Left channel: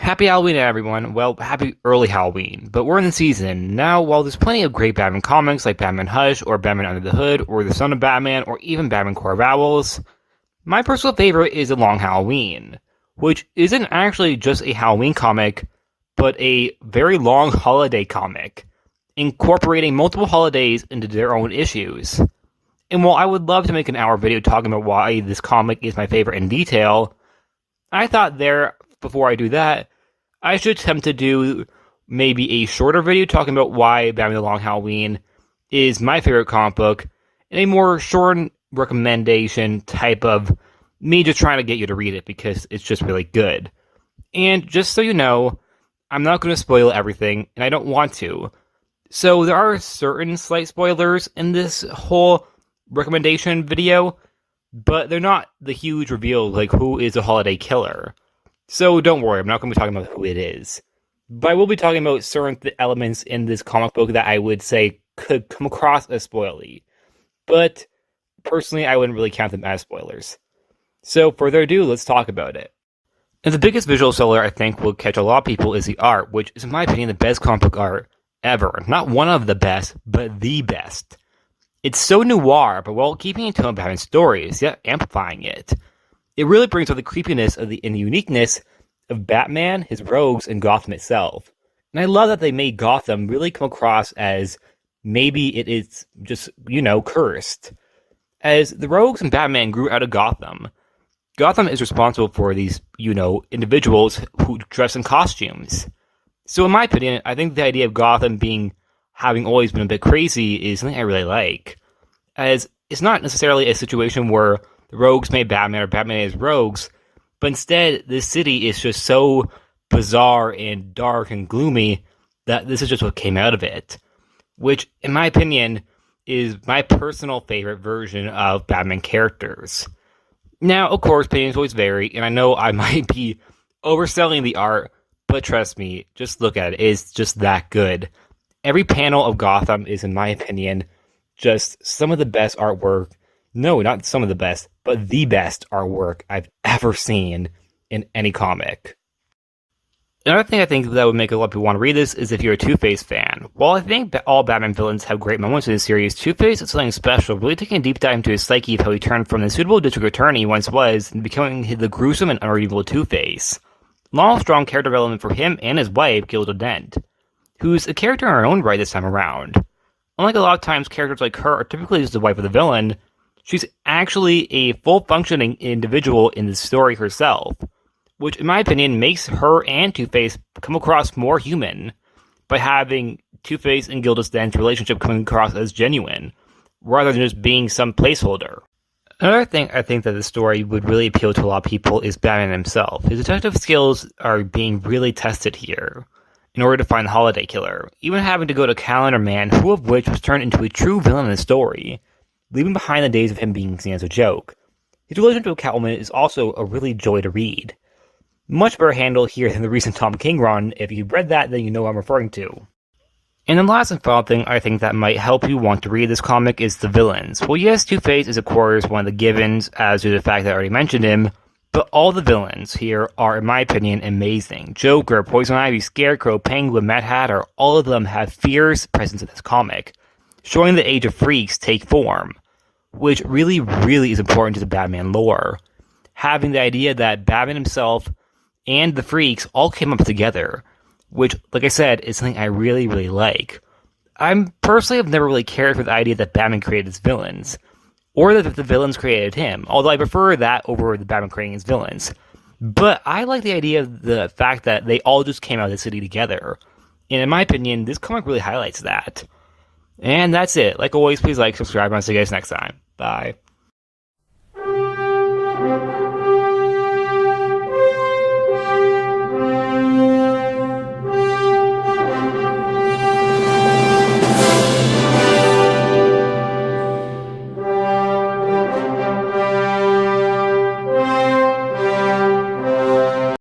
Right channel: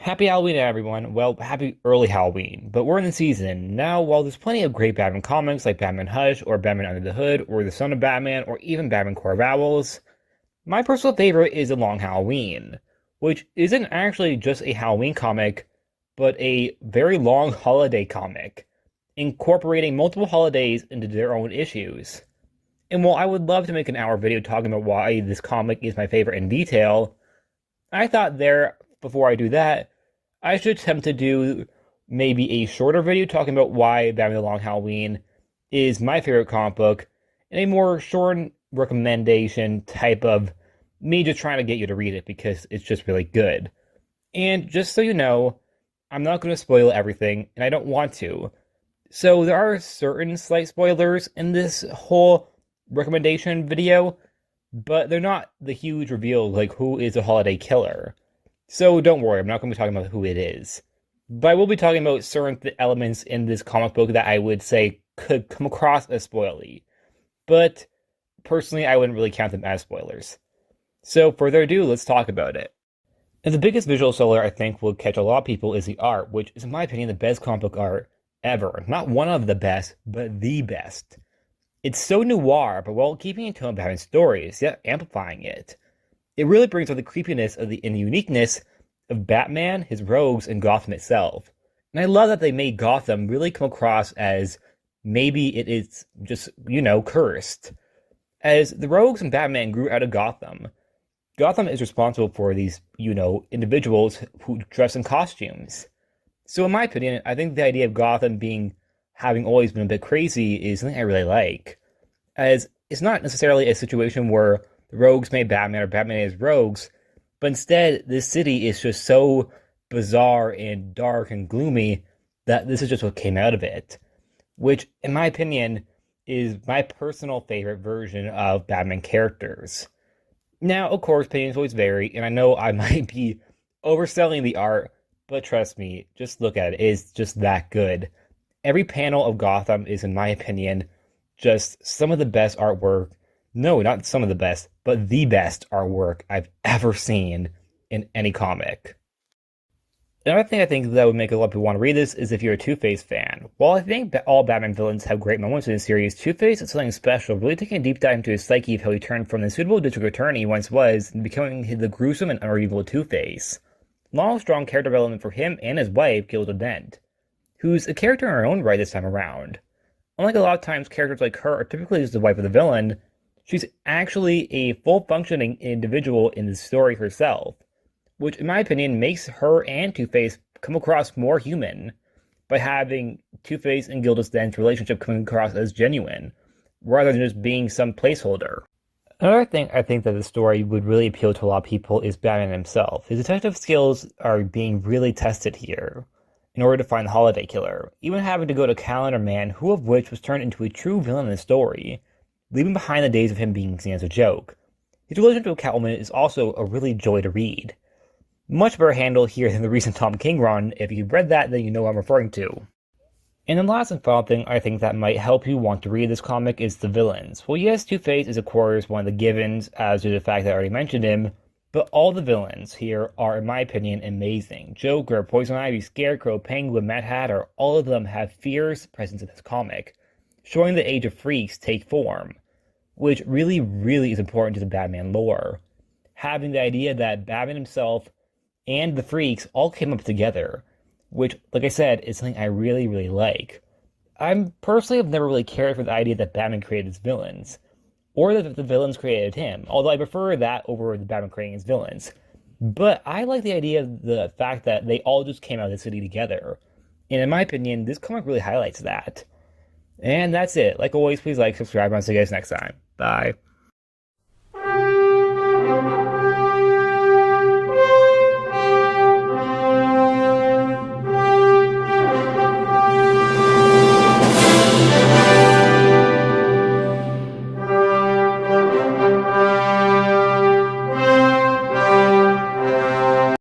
Happy Halloween, everyone. Well, happy early Halloween. But we're in the season. Now, while there's plenty of great Batman comics like Batman Hush, or Batman Under the Hood, or The Son of Batman, or even Batman Core of Owls, my personal favorite is A Long Halloween, which isn't actually just a Halloween comic, but a very long holiday comic, incorporating multiple holidays into their own issues. And while I would love to make an hour video talking about why this comic is my favorite in detail, I thought before I do that, I should attempt to do maybe a shorter video talking about why Batman the Long Halloween is my favorite comic book, and a more short recommendation type of me just trying to get you to read it because it's just really good. And just so you know, I'm not going to spoil everything, and I don't want to. So there are certain slight spoilers in this whole recommendation video, but they're not the huge reveal like who is a holiday killer. So don't worry, I'm not going to be talking about who it is. But I will be talking about certain elements in this comic book that I would say could come across as spoilery. But personally, I wouldn't really count them as spoilers. So further ado, let's talk about it. And the biggest visual seller I think will catch a lot of people is the art, which is in my opinion the best comic book art ever. Not one of the best, but the best. It's so noir, but while keeping in tone with Batman's stories, yet amplifying it. It really brings out the creepiness and the uniqueness of Batman, his rogues, and Gotham itself. And I love that they made Gotham really come across as maybe it is just, cursed. As the rogues and Batman grew out of Gotham, Gotham is responsible for these, individuals who dress in costumes. So in my opinion, I think the idea of Gotham having always been a bit crazy is something I really like. As it's not necessarily a situation where the rogues made Batman or Batman made rogues, but instead this city is just so bizarre and dark and gloomy that this is just what came out of it. Which, in my opinion, is my personal favorite version of Batman characters. Now, of course, opinions always vary, and I know I might be overselling the art, but trust me, just look at it. It's just that good. Every panel of Gotham is, in my opinion, just some of the best artwork. No, not some of the best, but the best artwork I've ever seen in any comic. Another thing I think that would make a lot of people want to read this is if you're a TwoFace fan. While I think that all Batman villains have great moments in the series, TwoFace is something special, really taking a deep dive into his psyche of how he turned from the suitable district attorney he once was and becoming the gruesome and unredeemable TwoFace. Long, strong character development for him and his wife, Gilda Dent, who's a character in her own right this time around. Unlike a lot of times, characters like her are typically just the wife of the villain, she's actually a full-functioning individual in the story herself, which, in my opinion, makes her and Two-Face come across more human by having Two-Face and Gilda Dent's relationship coming across as genuine, rather than just being some placeholder. Another thing I think that the story would really appeal to a lot of people is Batman himself. His detective skills are being really tested here in order to find the holiday killer, even having to go to Calendar Man, who of which was turned into a true villain in the story, leaving behind the days of him being seen as a joke. His relation to Catwoman is also a really joy to read. Much better handled here than the recent Tom King run. If you've read that, then you know what I'm referring to. And the last and final thing I think that might help you want to read this comic is the villains. Well, yes, Two-Face is of course one of the givens, as due to the fact that I already mentioned him, but all the villains here are, in my opinion, amazing. Joker, Poison Ivy, Scarecrow, Penguin, Mad Hatter, all of them have fierce presence in this comic, showing the Age of Freaks take form, which really, really is important to the Batman lore. Having the idea that Batman himself and the Freaks all came up together, which, like I said, is something I really, really like. I personally have never really cared for the idea that Batman created his villains, or that the villains created him, although I prefer that over the Batman creating his villains. But I like the idea of the fact that they all just came out of the city together, and in my opinion, this comic really highlights that. And that's it. Like always, please like, subscribe, and I'll see you guys next time. Bye.